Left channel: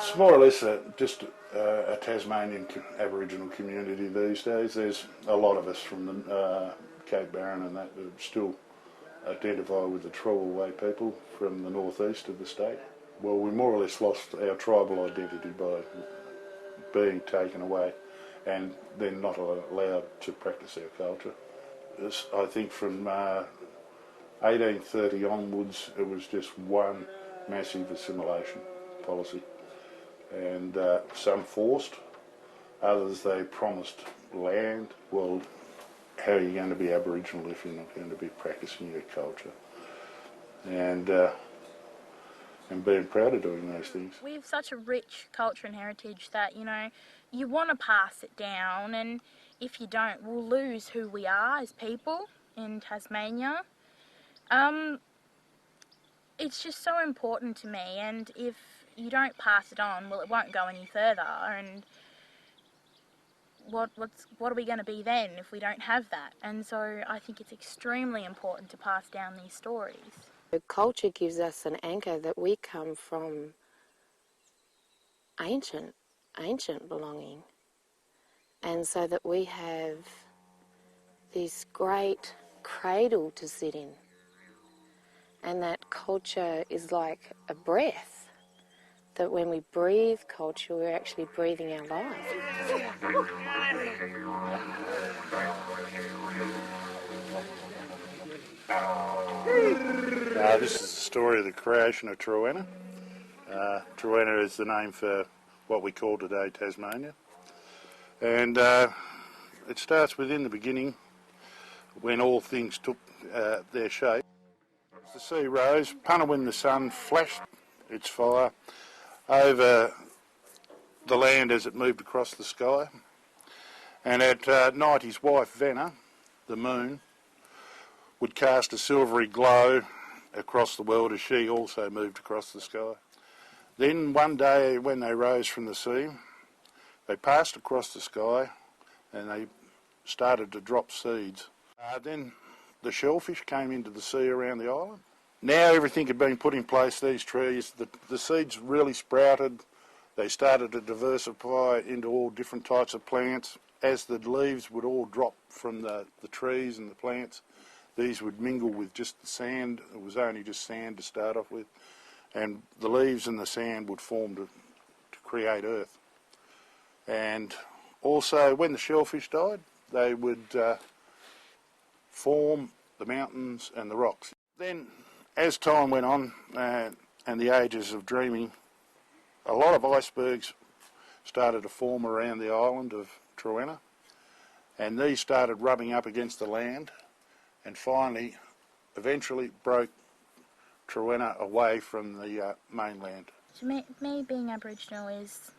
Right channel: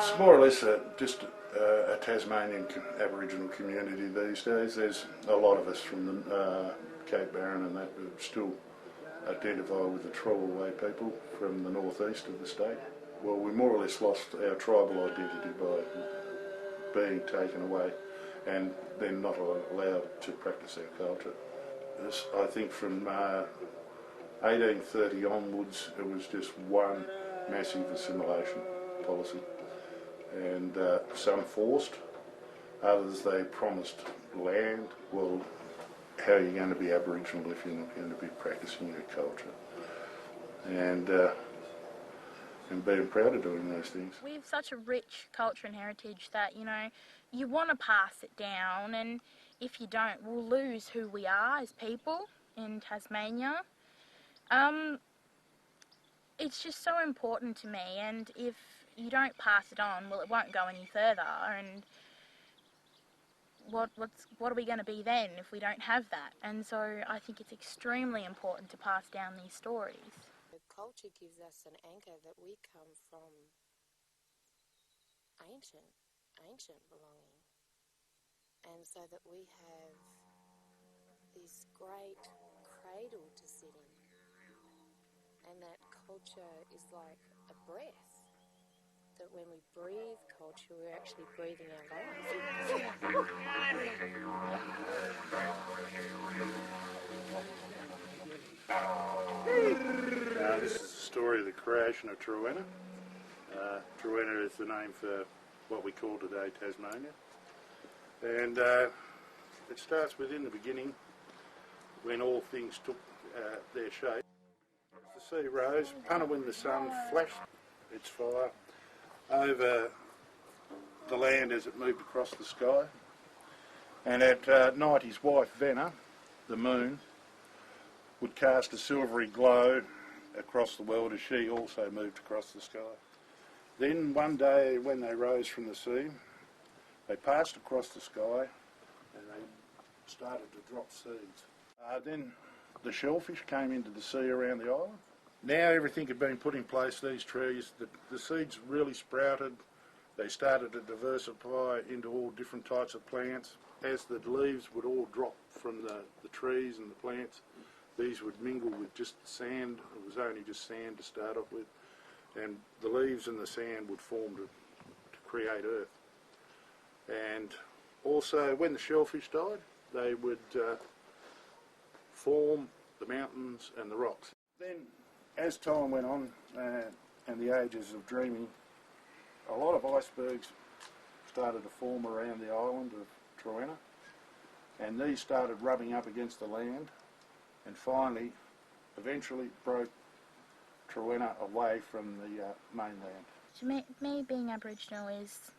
It's more or less just a Tasmanian Aboriginal community these days. There's a lot of us from the Cape Barren and that still identify with the Trowenna people from the northeast of the state. Well, we more or less lost our tribal identity by being taken away and then not allowed to practice our culture. I think from 1830 onwards, it was just one massive assimilation policy, and some forced, others they promised land. Well, how are you going to be Aboriginal if you're not going to be practicing your culture? And being proud of doing those things. We have such a rich culture and heritage that, you know, you want to pass it down, and if you don't, we'll lose who we are as people in Tasmania. It's just so important to me, and if you don't pass it on, well, it won't go any further, and what are we going to be then if we don't have that? And so I think it's extremely important to pass down these stories. The culture gives us an anchor that we come from ancient belonging, and so that we have this great cradle to sit in, and that culture is like a breath, that when we breathe culture, we're actually breathing our life. This is the story of the creation of Trowenna. Trowenna is the name for what we call today Tasmania. And it starts within the beginning when all things took their shape. The sea rose, punna when the sun flashed its fire over the land as it moved across the sky. And at night his wife Vanna, the moon, would cast a silvery glow across the world as she also moved across the sky. Then one day when they rose from the sea, they passed across the sky and they started to drop seeds. Then the shellfish came into the sea around the island. Now everything had been put in place, these trees, the seeds really sprouted. They started to diversify into all different types of plants. As the leaves would all drop from the trees and the plants, these would mingle with just the sand. It was only just sand to start off with. And the leaves and the sand would form to create earth. And also when the shellfish died, they would form the mountains and the rocks. Then as time went on and the ages of dreaming, a lot of icebergs started to form around the island of Trowenna, and these started rubbing up against the land and finally, eventually broke Trowenna away from the mainland. To me, being Aboriginal is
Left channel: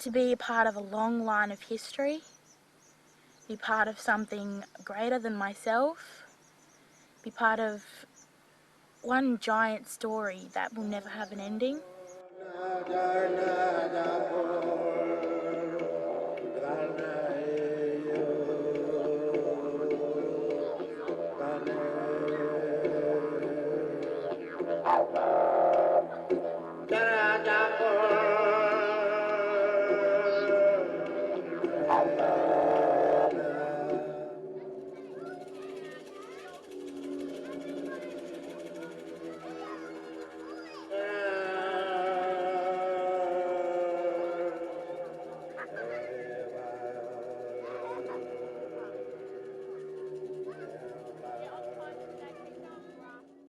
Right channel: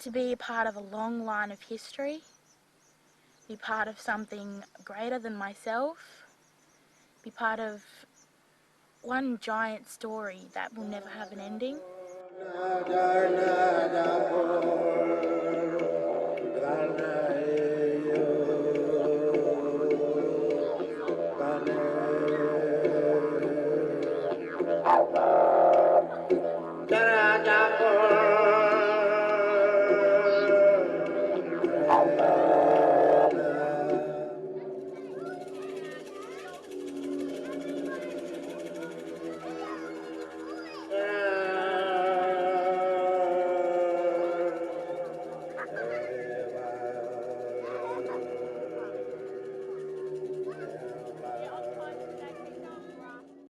to be a part of a long line of history, be part of something greater than myself, be part of one giant story that will never have an ending.